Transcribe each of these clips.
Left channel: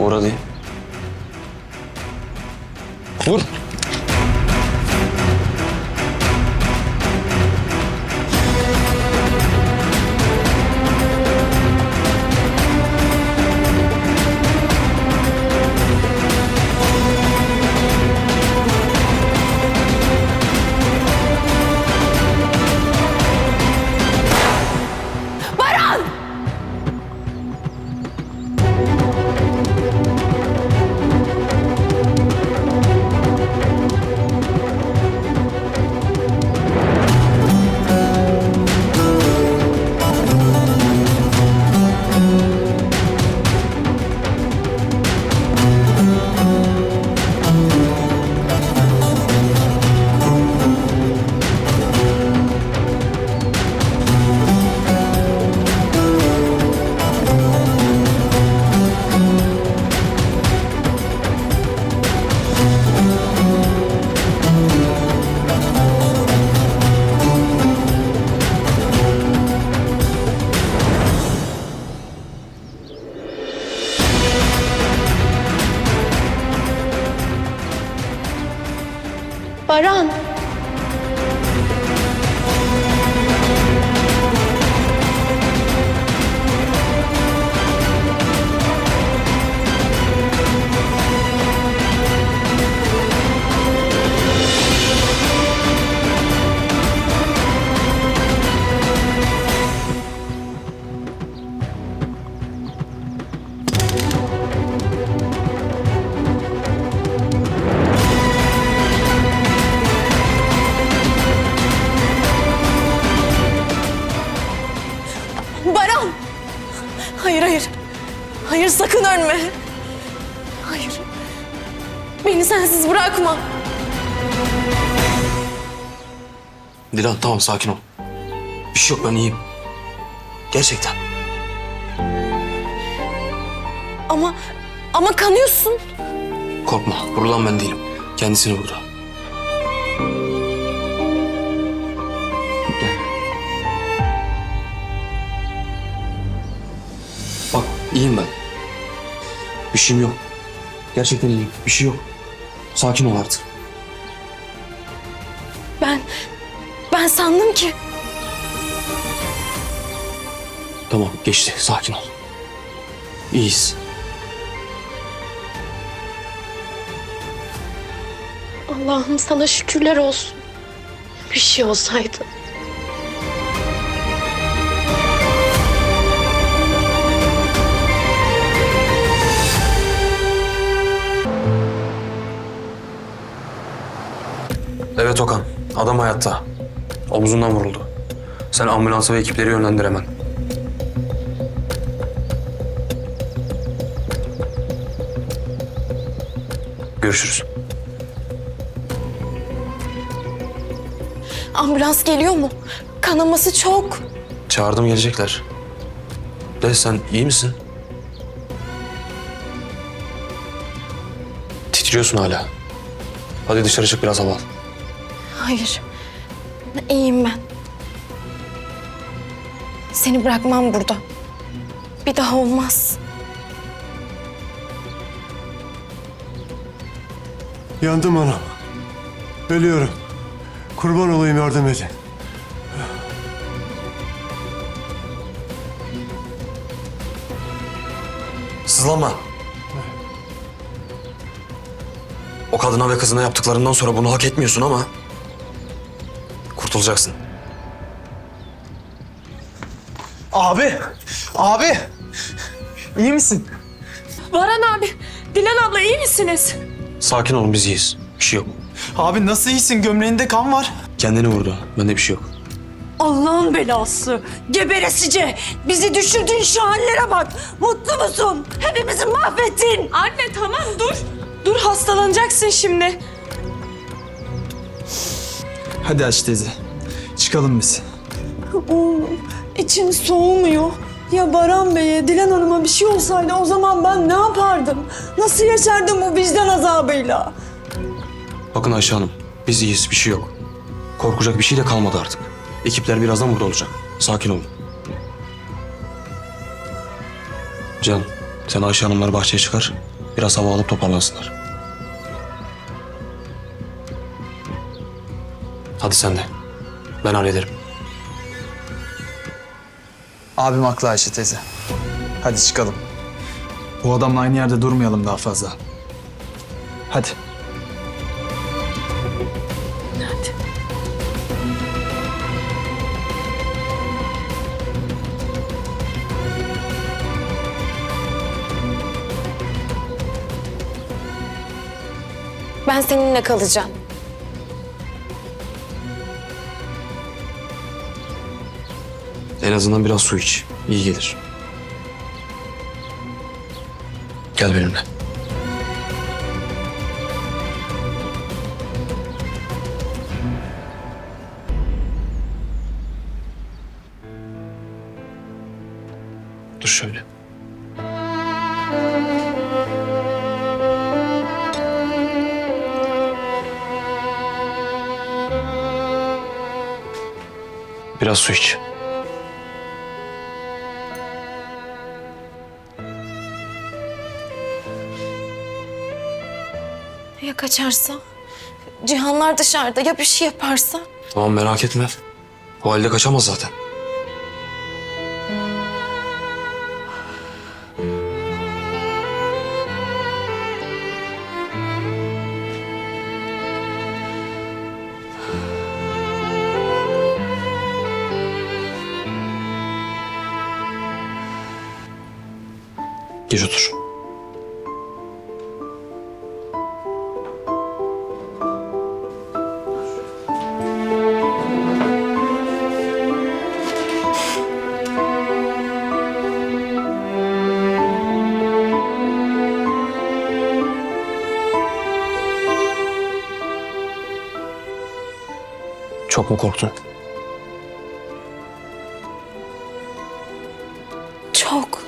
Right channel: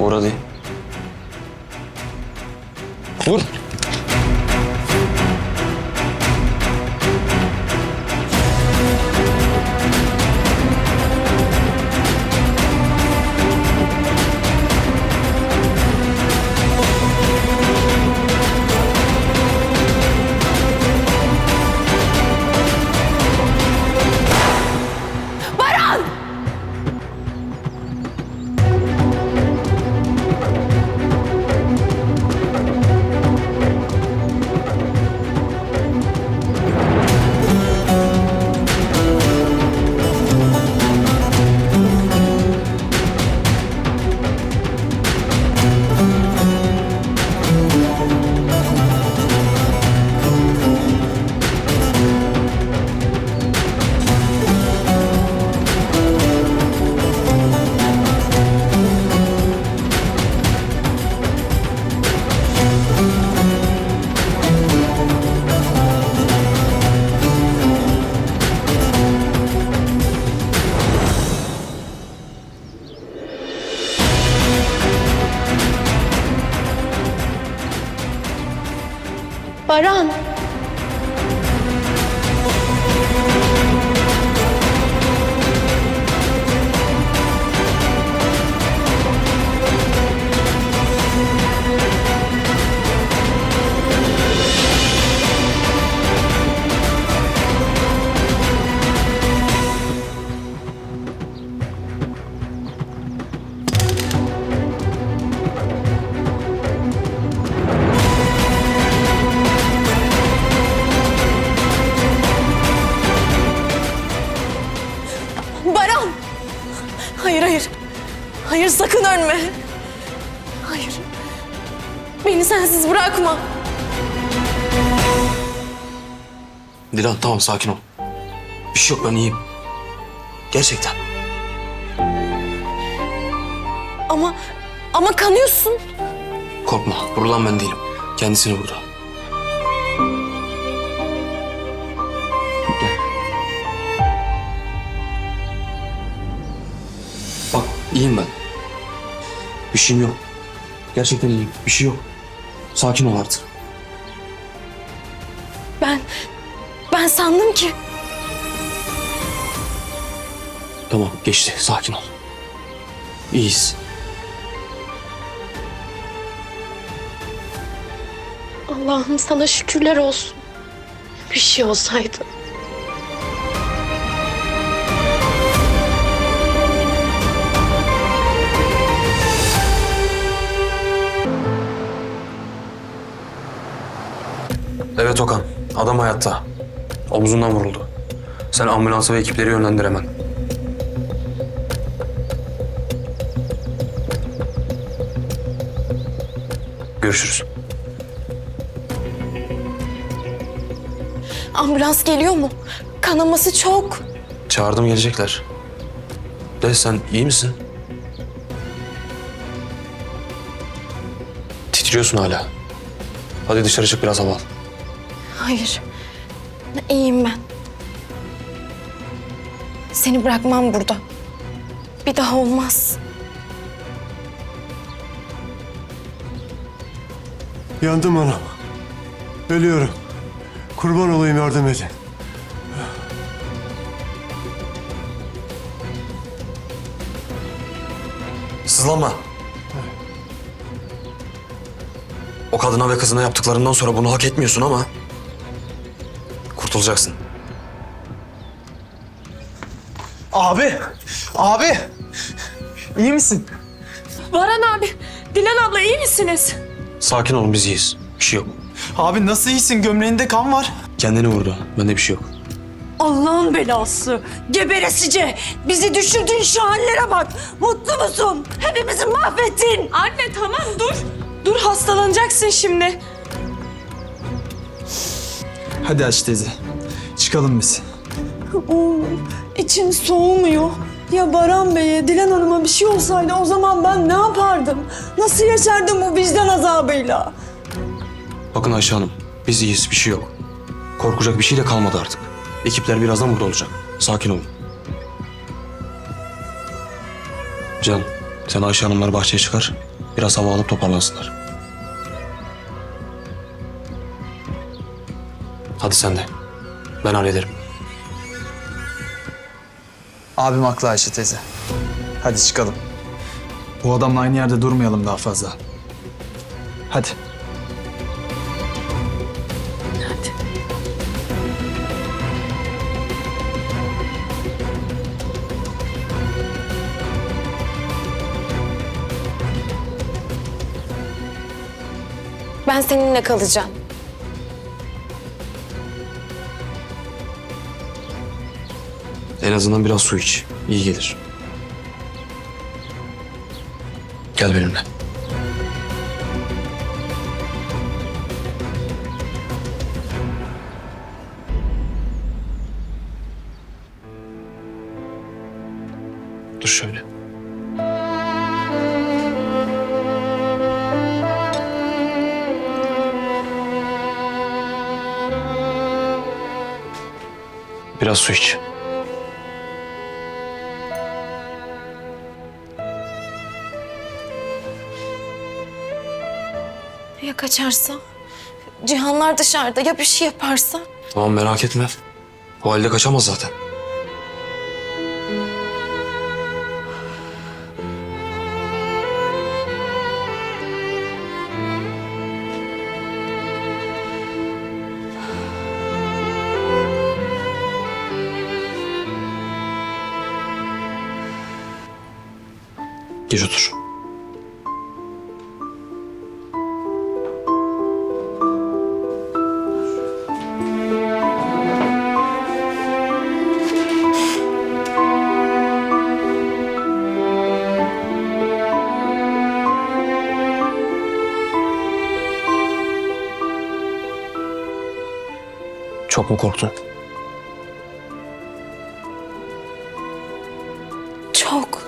Vur hadi. Vur. Bırakma. Dilan tamam sakin ol. Bir şey yok ben iyiyim. Gerçekten. Ama ama kanıyorsun. Korkma. Vurulan ben değilim. Kendisini vurdu. Bak iyiyim ben. Bir şeyim yok. Gerçekten iyiyim. Bir şey yok. Sakin ol artık. Ben ben sandım ki Tamam geçti. Sakin ol. İyiyiz. Allah'ım sana şükürler olsun. Bir şey olsaydı. Evet Okan. Adam hayatta. Omzundan vuruldu. Sen ambulansı ve ekipleri yönlendir hemen. Görüşürüz. Ambulans geliyor mu? Kanaması çok. Çağırdım gelecekler. De sen iyi misin? Titriyorsun hala. Hadi dışarı çık biraz hava al. Hayır. İyiyim ben. Seni bırakmam burada. Bir daha olmaz. Yandım anam. Ölüyorum. Kurban olayım yardım edin. Sızlama. O kadına ve kızına yaptıklarından sonra bunu hak etmiyorsun ama... Kurtulacaksın. Abi! Abi! İyi misin? Baran abi, Dilan abla iyi misiniz? Sakin olun biz iyiyiz. Bir şey yok. Abi nasıl iyisin? Gömleğinde kan var. Kendini vurdu. Bende bir şey yok. Allah'ın belası, geberesice. Bizi düşürdüğün şu hallere bak. Mutlu musun? Hepimizi mahvettin. Anne tamam dur. Dur hastalanacaksın şimdi. Hadi aç teyze. Çıkalım biz. Oğlum içim soğumuyor. Ya Baran Bey'e, Dilan Hanım'a bir şey olsaydı o zaman ben ne yapardım? Nasıl yaşardım bu vicdan azabıyla? Bakın Ayşe Hanım. Biz iyiyiz. Bir şey yok. Korkacak bir şey de kalmadı artık. Ekipler birazdan burada olacak. Sakin olun. Can, Sen Ayşe Hanımları bahçeye çıkar. Biraz hava alıp toparlansınlar. Hadi sen de. Ben hallederim. Abim haklı Ayşe teyze. Hadi çıkalım. Bu adamla aynı yerde durmayalım daha fazla. Hadi. Ben seninle kalacağım. En azından biraz su iç. İyi gelir. Gel benimle. Dur şöyle. Biraz su iç. Kaçarsa? Cihanlar dışarıda ya bir şey yaparsa? Tamam merak etme. O halde kaçamaz zaten. Geç otur. Çok mu korktun? Çok.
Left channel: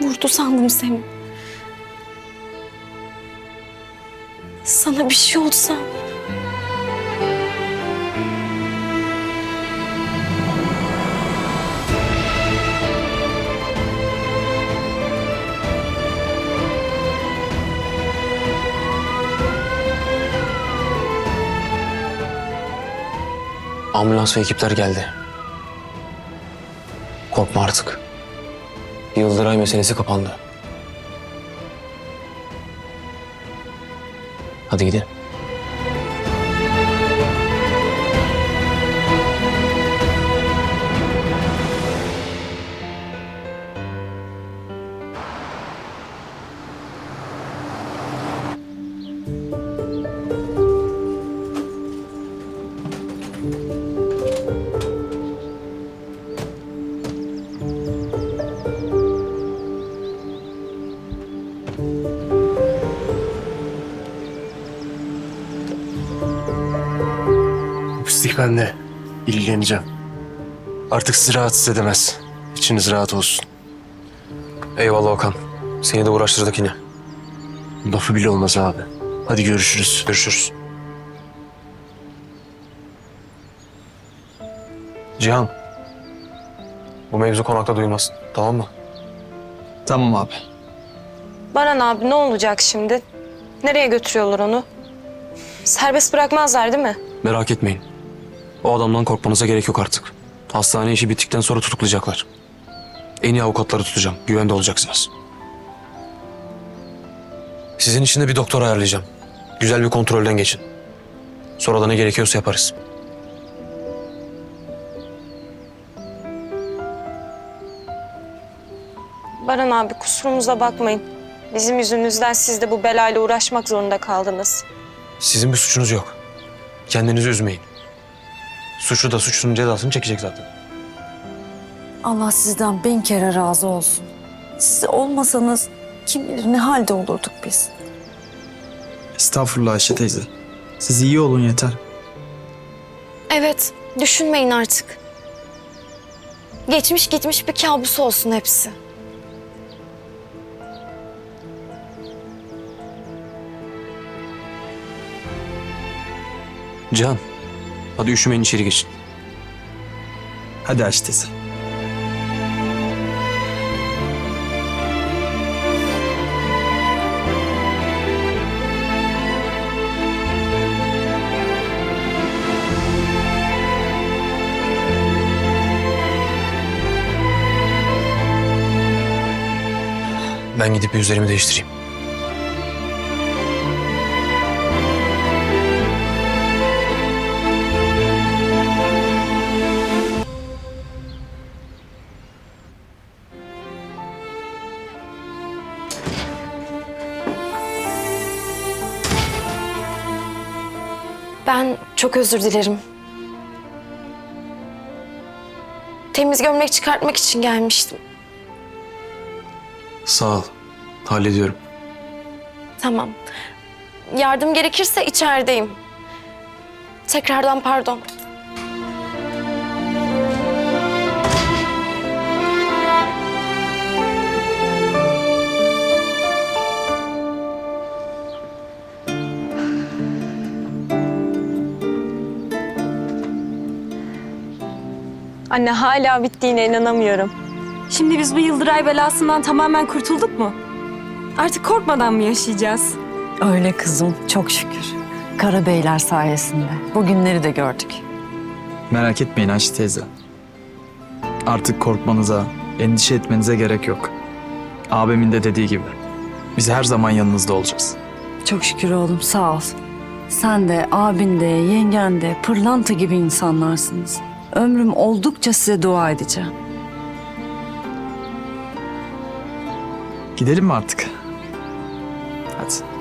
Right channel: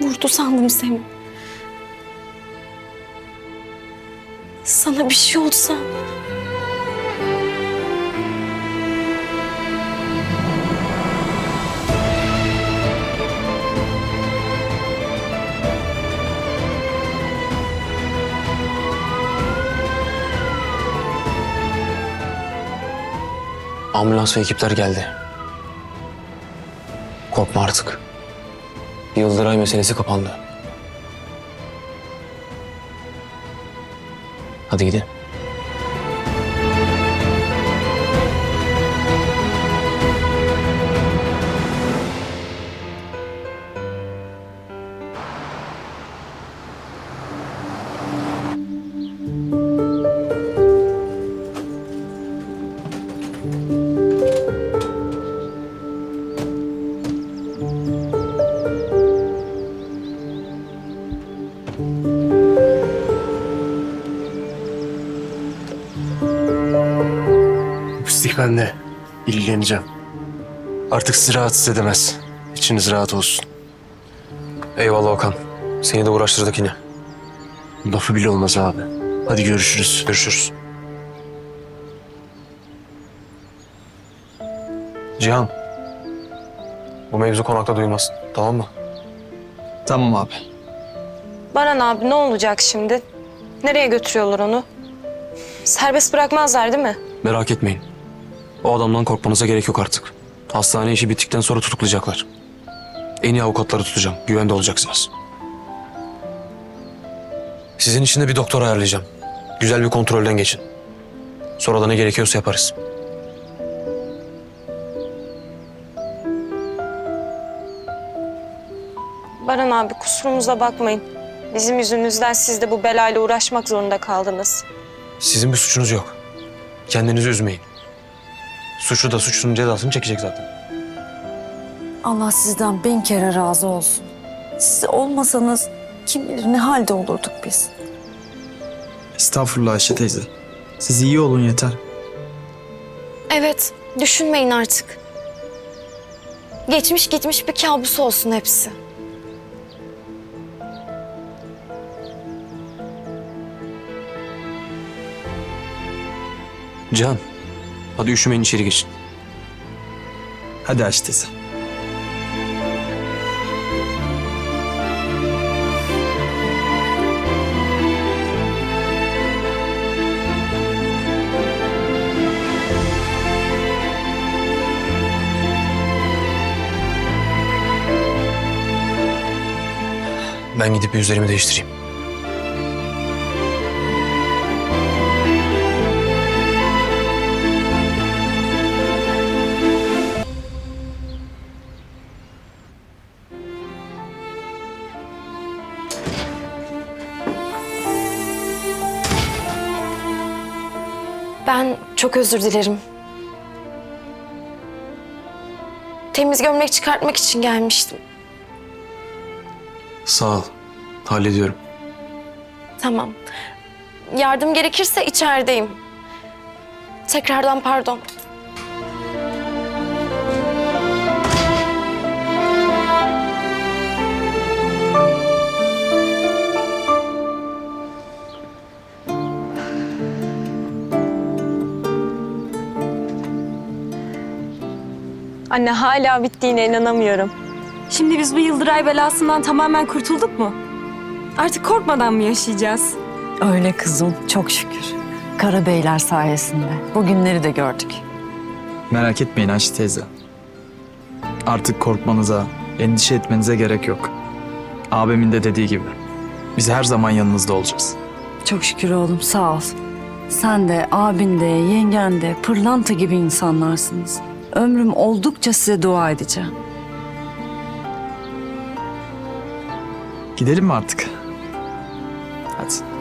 Vurdu sandım seni. Sana bir şey olsa. Ambulans ve ekipler geldi. Korkma artık. Yıldıray meselesi kapandı. Hadi gidelim. İlgileneceğim. Artık sizi rahatsız edemez. İçiniz rahat olsun. Eyvallah Okan. Seni de uğraştırdık yine. Lafı bile olmaz abi. Hadi görüşürüz. Görüşürüz. Cihan. Bu mevzu konakta duyulmasın. Tamam mı? Tamam abi. Baran abi ne olacak şimdi? Nereye götürüyorlar onu? Serbest bırakmazlar değil mi? Merak etmeyin. O adamdan korkmanıza gerek yok artık. Hastane işi bittikten sonra tutuklayacaklar. En iyi avukatları tutacağım. Güvende olacaksınız. Sizin için de bir doktor ayarlayacağım. Güzel bir kontrolden geçin. Sonra da ne gerekiyorsa yaparız. Baran abi kusurumuza bakmayın. Bizim yüzümüzden siz de bu belayla uğraşmak zorunda kaldınız. Sizin bir suçunuz yok. Kendinizi üzmeyin. Suçlu da suçlunun cezasını çekecek zaten. Allah sizden bin kere razı olsun. Siz olmasanız kim bilir ne halde olurduk biz. Estağfurullah Ayşe teyze. Siz iyi olun yeter. Evet, düşünmeyin artık. Geçmiş gitmiş bir kabus olsun hepsi. Cihan, Hadi üşümeyin içeri geçin. Hadi aç teyze. Ben gidip bir üzerimi değiştireyim. Çok özür dilerim. Temiz gömlek çıkartmak için gelmiştim. Sağ ol. Hallediyorum. Tamam. Yardım gerekirse içerideyim. Tekrardan pardon. Anne hala bittiğine inanamıyorum. Şimdi biz bu Yıldıray belasından tamamen kurtulduk mu? Artık korkmadan mı yaşayacağız? Öyle kızım çok şükür. Karabeyler sayesinde. Bugünleri de gördük. Merak etmeyin Ayşe teyze. Artık korkmanıza, endişe etmenize gerek yok. Abimin de dediği gibi. Biz her zaman yanınızda olacağız. Çok şükür oğlum sağ ol. Sen de, abin de, yengen de pırlanta gibi insanlarsınız. Ömrüm oldukça size dua edeceğim. Gidelim mi artık? Hadi.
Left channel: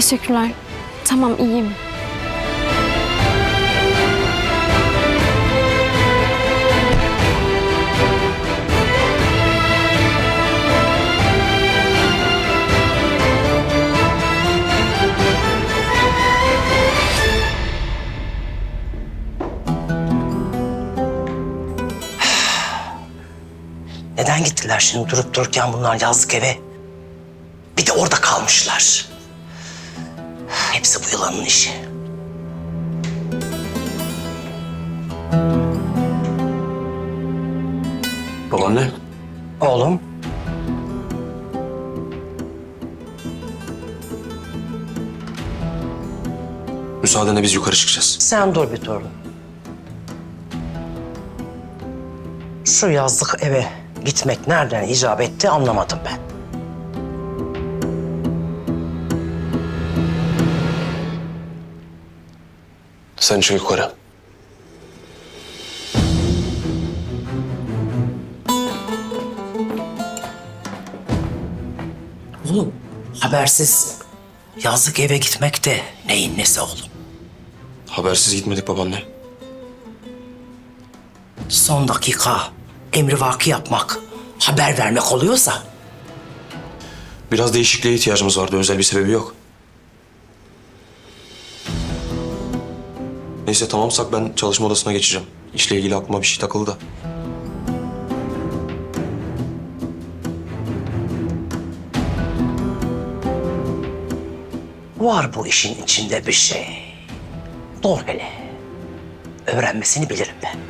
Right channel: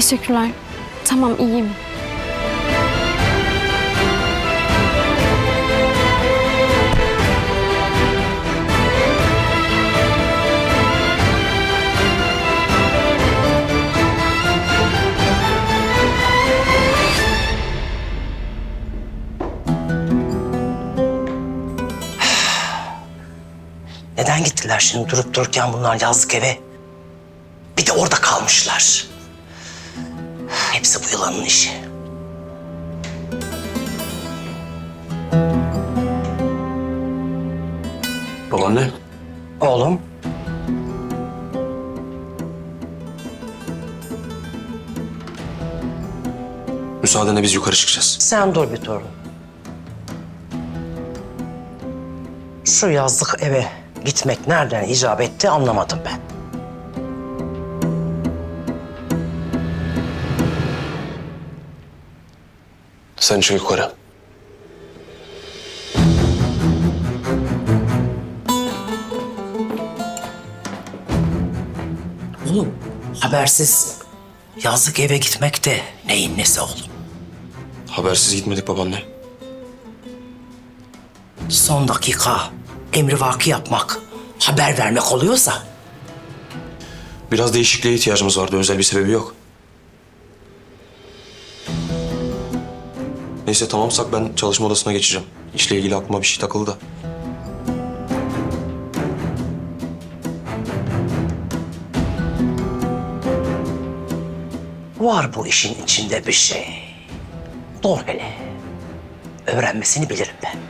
Teşekkürler. Tamam iyiyim. Neden gittiler şimdi durup dururken bunlar yazlık eve? Bir de orada kalmışlar. Hepsi bu yılanın işi. Babaanne. Oğlum, Müsaadenle biz yukarı çıkacağız. sen dur bir torun. Şu yazlık eve gitmek nereden icap etti anlamadım ben. Sen çık yukarı. Oğlum, habersiz yazlık eve gitmek de neyin nesi oğlum? Habersiz gitmedik babaanne. Son dakika emri vaki yapmak, haber vermek oluyorsa Biraz değişikliğe ihtiyacımız vardı. Özel bir sebebi yok. Neyse tamamsak ben çalışma odasına geçeceğim. İşle ilgili aklıma bir şey takıldı da. Var bu işin içinde bir şey. Dur hele. Öğrenmesini bilirim ben.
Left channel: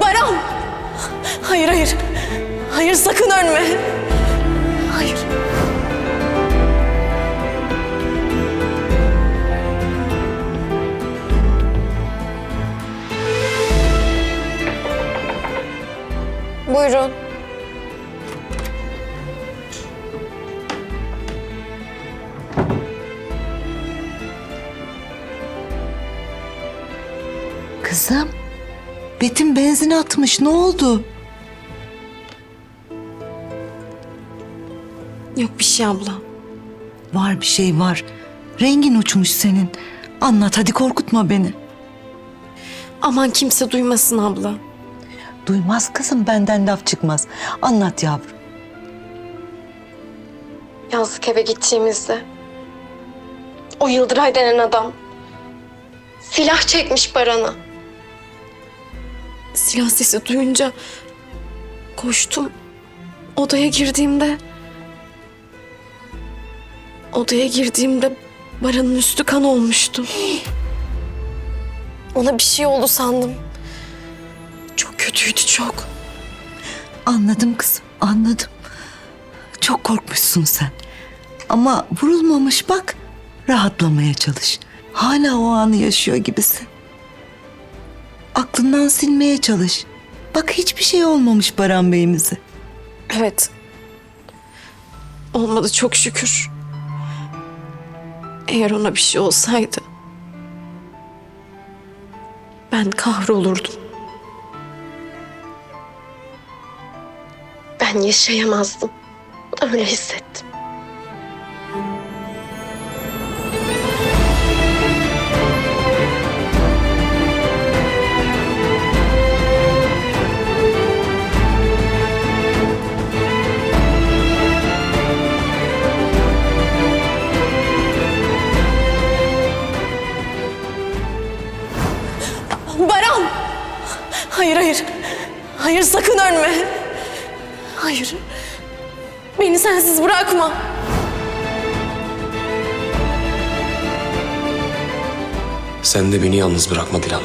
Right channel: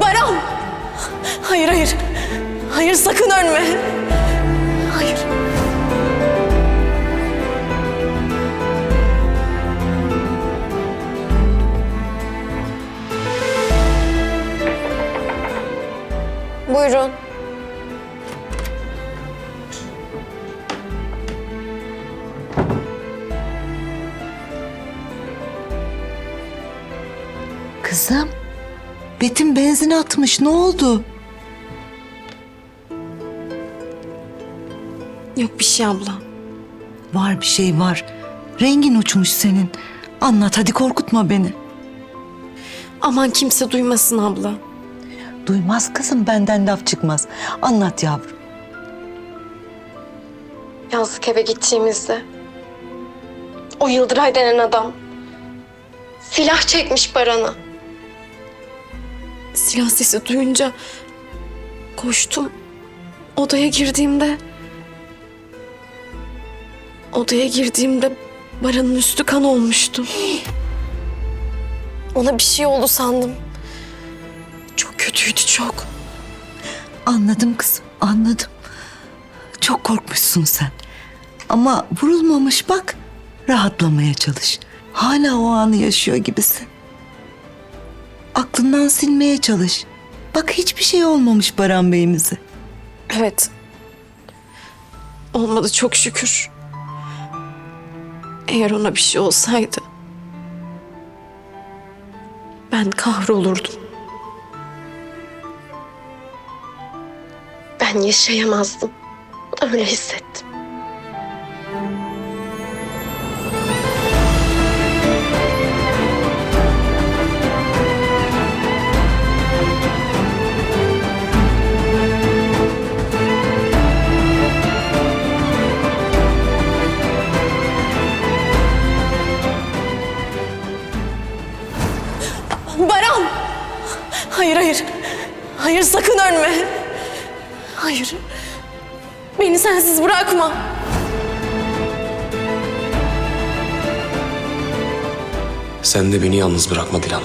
Baran! Hayır hayır. Hayır sakın ölme. Hayır. Buyurun. Betim benzin atmış. Ne oldu? Yok bir şey abla. Var bir şey var. Rengin uçmuş senin. Anlat hadi korkutma beni. Aman kimse duymasın abla. Duymaz kızım benden laf çıkmaz. Anlat yavrum. Yazlık eve gittiğimizde o Yıldıray denen adam silah çekmiş Baran'a. Silah sesi duyunca koştum. Odaya girdiğimde odaya girdiğimde Baran'ın üstü kan olmuştu. Ona bir şey oldu sandım. Çok kötüydü çok. Anladım kızım, anladım. Çok korkmuşsun sen. Ama vurulmamış bak. Rahatlamaya çalış. Hala o anı yaşıyor gibisin. Aklından silmeye çalış. Bak hiçbir şey olmamış Baran Bey'imize. Evet. Olmadı çok şükür. Eğer ona bir şey olsaydı ben kahrolurdum. Ben yaşayamazdım. Öyle hissettim. Hayır hayır. Hayır sakın ölme. Hayır. Beni sensiz bırakma. Sen de beni yalnız bırakma Dilan.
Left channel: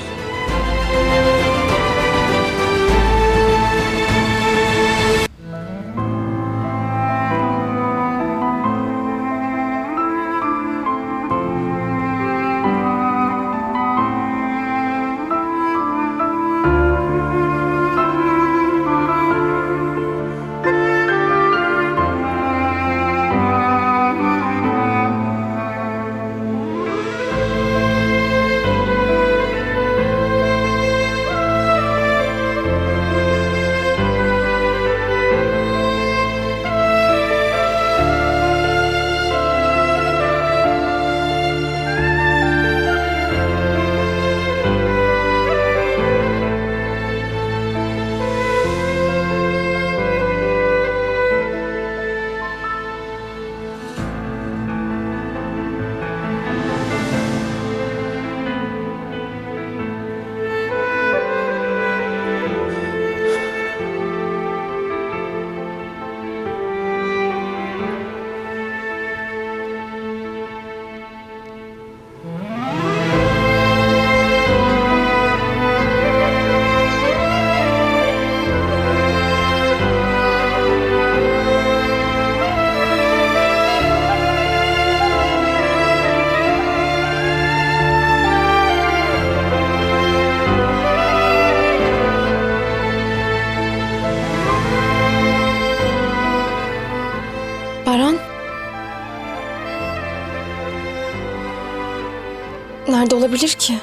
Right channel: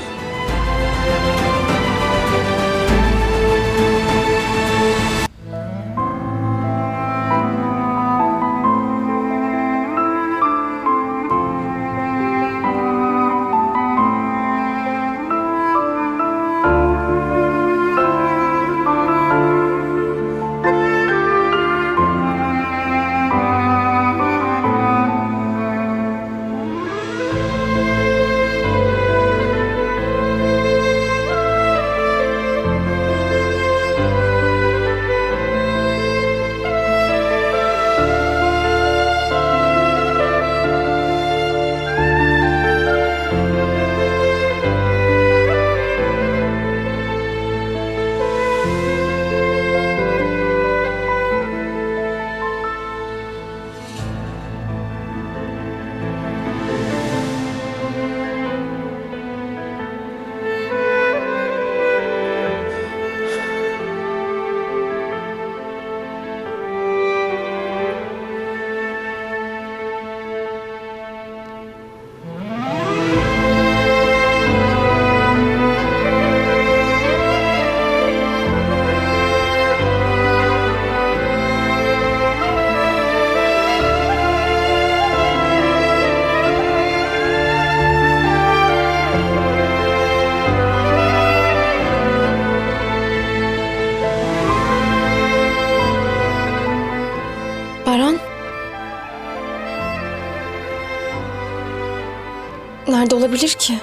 olabilir ki?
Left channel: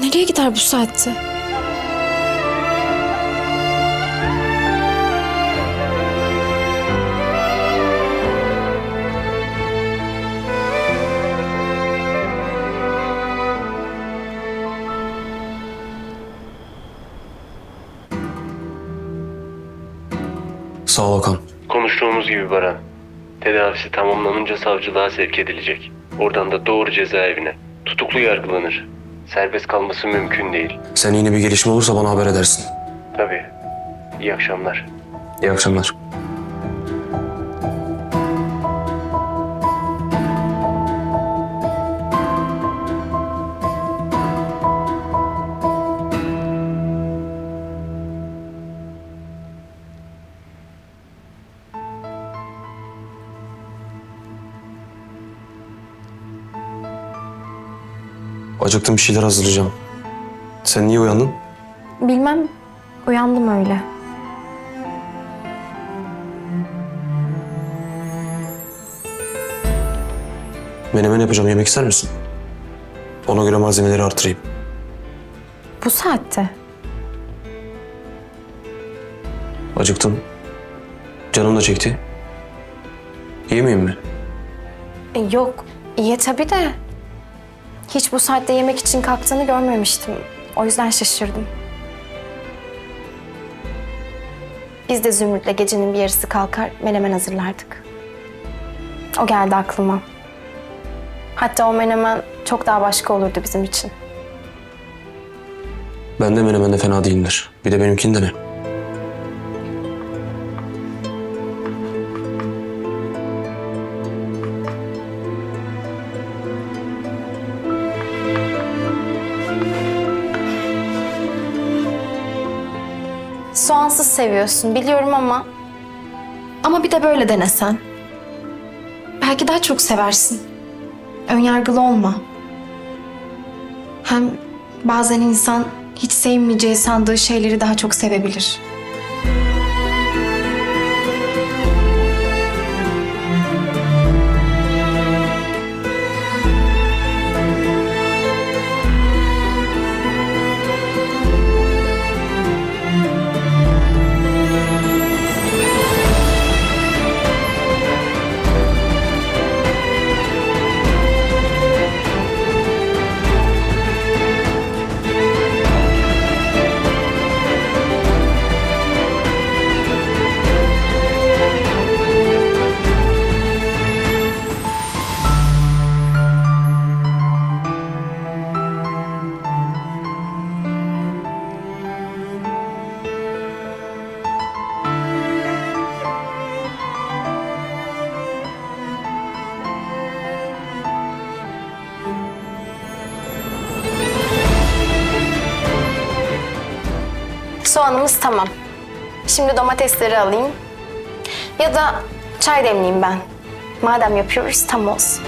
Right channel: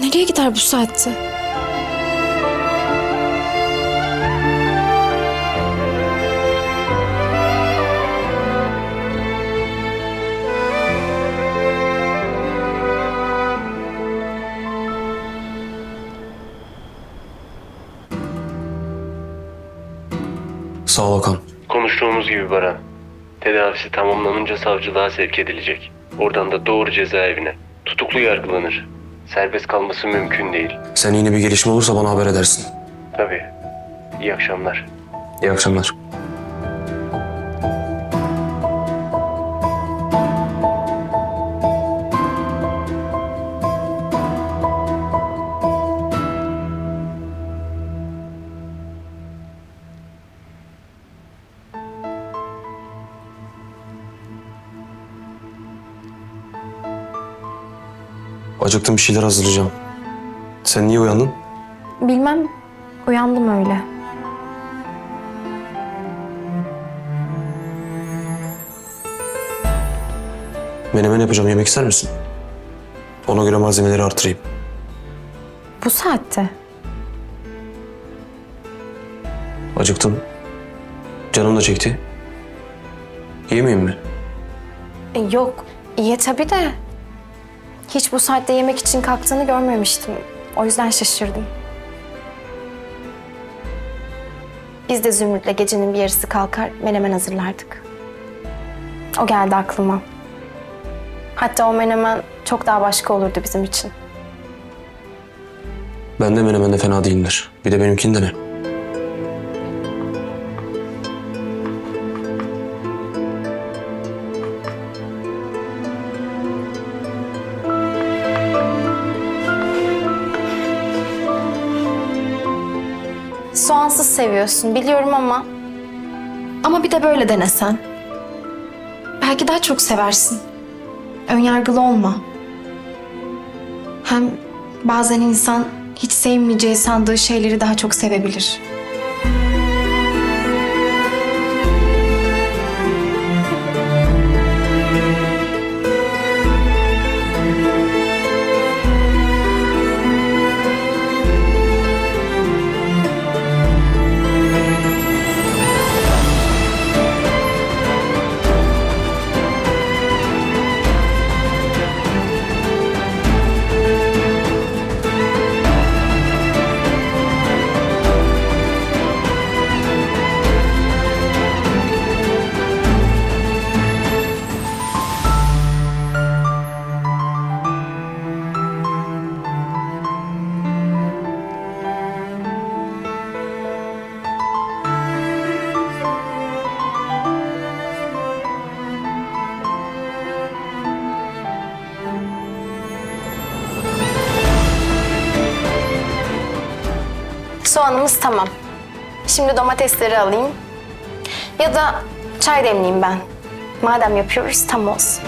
Nereye gider bu saatte? Sağ ol Okan. Konuştuğumuz gibi Baran. Tedavisi tamamlanınca savcılığa sevk edilecek. Oradan da doğru cezaevine. Tutuklu yargılanır. Serbest kalması mümkün değil. Sen yeni bir gelişme olursa bana haber edersin. Tabii. İyi akşamlar. İyi akşamlar. Acıktım bir şeyler hazırlayacağım. Sen niye uyandın? Bilmem. Uyandım öyle. Menemen yapacağım. Yemek ister misin? Ona göre malzemeleri artırayım. Bu saatte. Acıktım. Canım da çekti. Yemeyeyim mi? E, yok. İyi tabii de. Hiç bu saatte yemek için kalktığını görmemiştim. O yüzden şaşırdım. Biz de Zümrüt'le gecenin bir yarısı kalkar menemen hazırlardık. O geldi aklıma. Hatta o menemen çok daha başka olurdu bizim için. Ben de menemen de fena değildir. Bir de benimkini dene. Soğansız seviyorsun biliyorum ama... Ama bir de böyle denesen. Belki daha çok seversin. Önyargılı olma. Hem bazen insan hiç sevmeyeceği sandığı şeyleri daha çok sevebilir. Tamam. Şimdi domatesleri alayım. Ya da çay demleyeyim ben. Madem yapıyoruz tam olsun.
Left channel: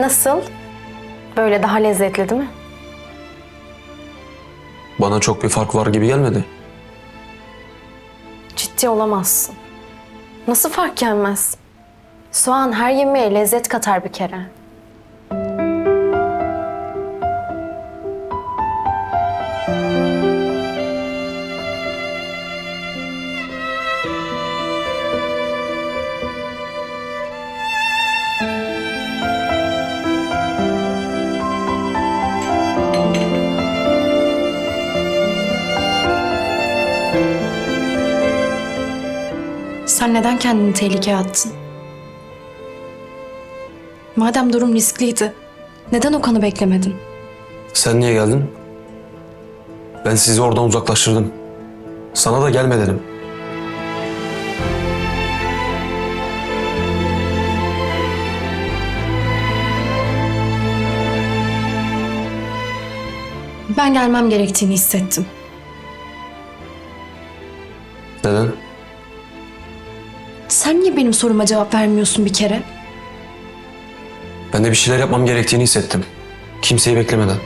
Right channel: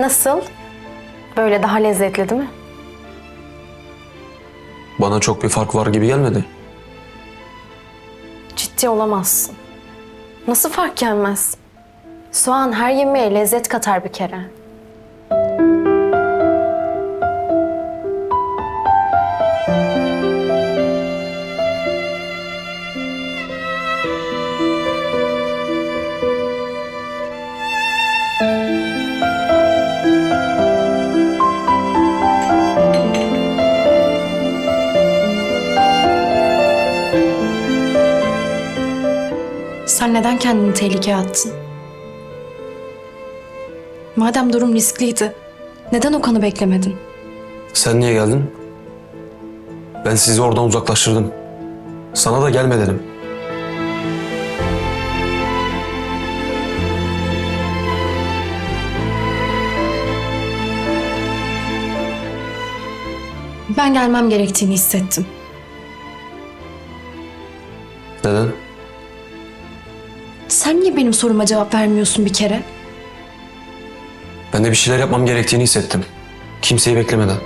Nasıl? Böyle daha lezzetli değil mi? Bana çok bir fark var gibi gelmedi. Ciddi olamazsın. Nasıl fark gelmez? Soğan her yemeğe lezzet katar bir kere. Sen neden kendini tehlikeye attın? Madem durum riskliydi, neden Okan'ı beklemedin? Sen niye geldin? Ben sizi oradan uzaklaştırdım. Sana da gelme dedim. Ben gelmem gerektiğini hissettim. Sen niye benim soruma cevap vermiyorsun bir kere? Ben de bir şeyler yapmam gerektiğini hissettim. Kimseyi beklemeden.